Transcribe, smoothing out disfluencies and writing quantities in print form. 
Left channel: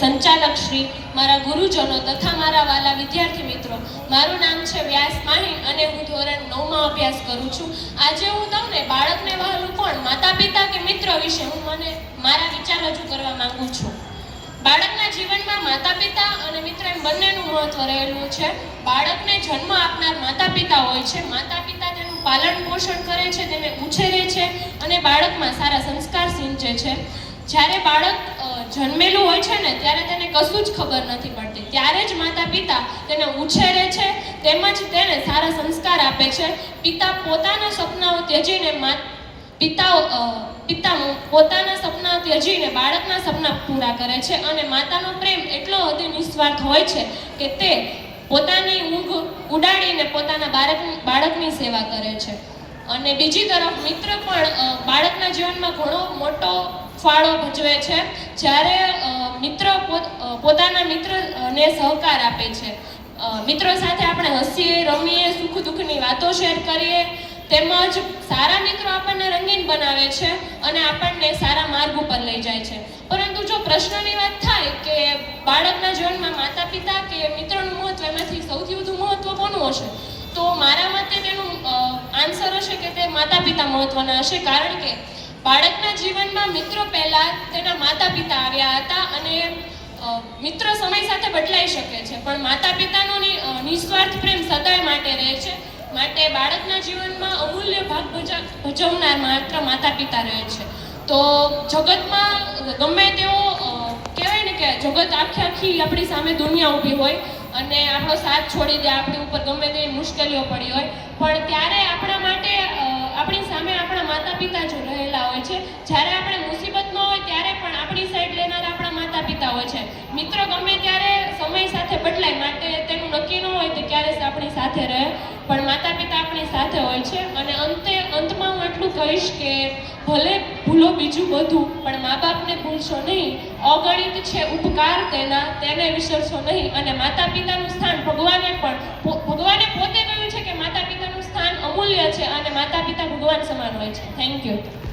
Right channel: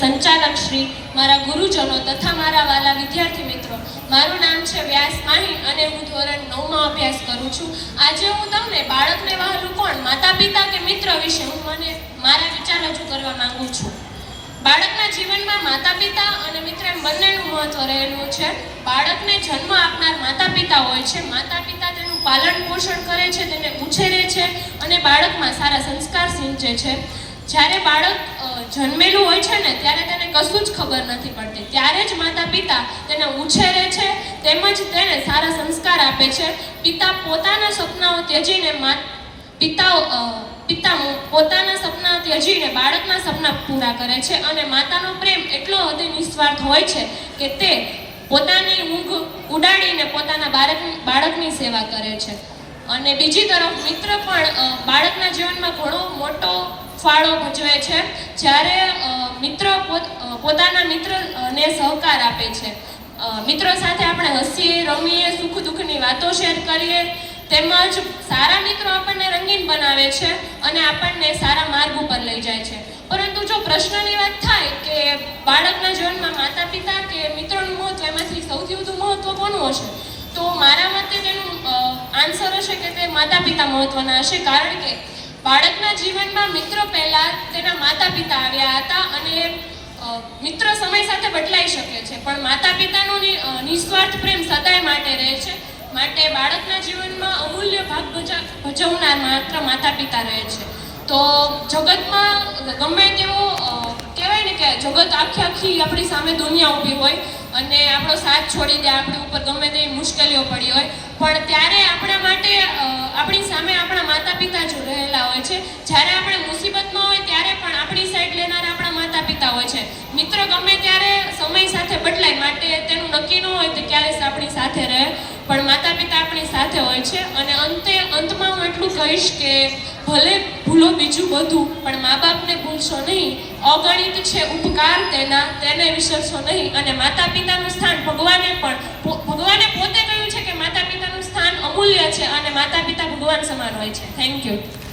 સંચાલક શ્રી, મારા ગુરુજનો તથા મારા વાલા વિદ્યાર્થી મિત્રો, મારું નામ છે વ્યાસ માહી અને હું ધોરણ 9માં અભ્યાસ કરું છું. આજે હું તમને બાળકને વહાલું કોણ, માતા પિતા કે મિત્ર વિશે હું મારા વિચાર રજૂ કરવા માંગુ છું. બાળકના જીવનમાં માતા પિતા અને મિત્ર એમ બંનેનું મહત્વ રહેલું છે. બાળકને જન્મ આપનાર માતા પિતા હોય છે. માતા પિતા તેનું પાલન પોષણ કરે છે, તેને ઉછેરે છે અને બાળકમાં સારા સંસ્કાર સિંચે છે. જ્યારે બાળક જન્મેલું હોય છે ને ત્યારે તેને કશું જ ખબર નથી પડતી. ત્યારે જ માતા પિતા તેને ઉછેરે છે તેમજ તેને સારા સંસ્કાર આપે છે. પિતા પોતાના સપનાઓ ત્યજીને પોતાના સપના ત્યજીને બાળકના સપના પૂરા કરે છે અને માતાનો પ્રેમ એટલો હદે નિસ્વાર્થ હોય છે કે તે પોતાની ઊંઘ ઉડાડીને પોતાના બાળકની સેવા કરે છે. અને બીજી તરફ મિત્ર પણ બાળકના જીવનમાં ઘણો મોટો ફાળો ભજવે છે. જ્યારે મિત્ર પોતાના મિત્રને સહકાર આપે છે. મિત્રો સાથે આપણે હસીએ, રમીએ, સુખ દુઃખની વાતો શેર કરીએ. તેમજ સારા મિત્રો આપણને રંગીન બનાવે છે અને આપણને સારા માર્ગ ઉપર લઈ જાય છે. પરંતુ જો પ્રશ્નની વાત થાય કે બાળકના જીવનમાં માતા પિતા કે મિત્રોનું મહત્વ, એમાંથી સૌથી વધુ મહત્વ કોનું હશે, તો મારા મતે તેનું આન્સર હશે કે તે માતા પિતા મહત્વના હશે. કારણ કે બાળકના જીવનમાં મિત્રો પહેલા તેના માતા પિતા આવ્યા હતા અને મિત્ર સમય સાથે બદલાઈ શકે છે, પણ માતા પિતાનો નિસ્વાર્થ પ્રેમ સદાય માટે રહે છે. માટે બાળકના જીવનમાં અમૂલ્ય ભાગ ભજવનાર માત્ર માતા પિતા રહે છે. તો જગતમાં ગમે તેવો કહેવાય ને કે જગત આખી આપણી સામે દુનિયા ઊભી હોય અને આપણો સાથ છોડી દે, આપણી ઉપર ગમે તેવી મુશ્કેલીઓ પડી હોય, પણ ત્યારે આપણા માટે આપણી સામે આપણા માતા પિતા જ રહેલા હોય છે. જ્યારે આપણે મુસીબતમાં હોય ત્યારે પણ આપણી સાઈડ લેનારા આપણા માતા પિતા હોય છે. મિત્ર ગમે ત્યારે સમય સાથે બદલાય, માટે તેનું નક્કી ન હોય તો ક્યારે આપણી સાથે રહે, પણ માતા પિતા આપણી સાથે હોય છે. અને અંતમાં હું એટલું કહીશ કે ભલે ભૂલો બીજું બધું, પણ મા બાપને ભૂલશો નહીં. અગણિત છે ઉપકાર તેને વિસરશો નહીં. અને માતા પિતાનું સ્થાન ભગવાને પોતે કહ્યું છે કે માતા પિતાનું સ્થાન અમૂલ્ય છે અને માતા પિતા ભગવાન સમાન હોય છે. Thank you.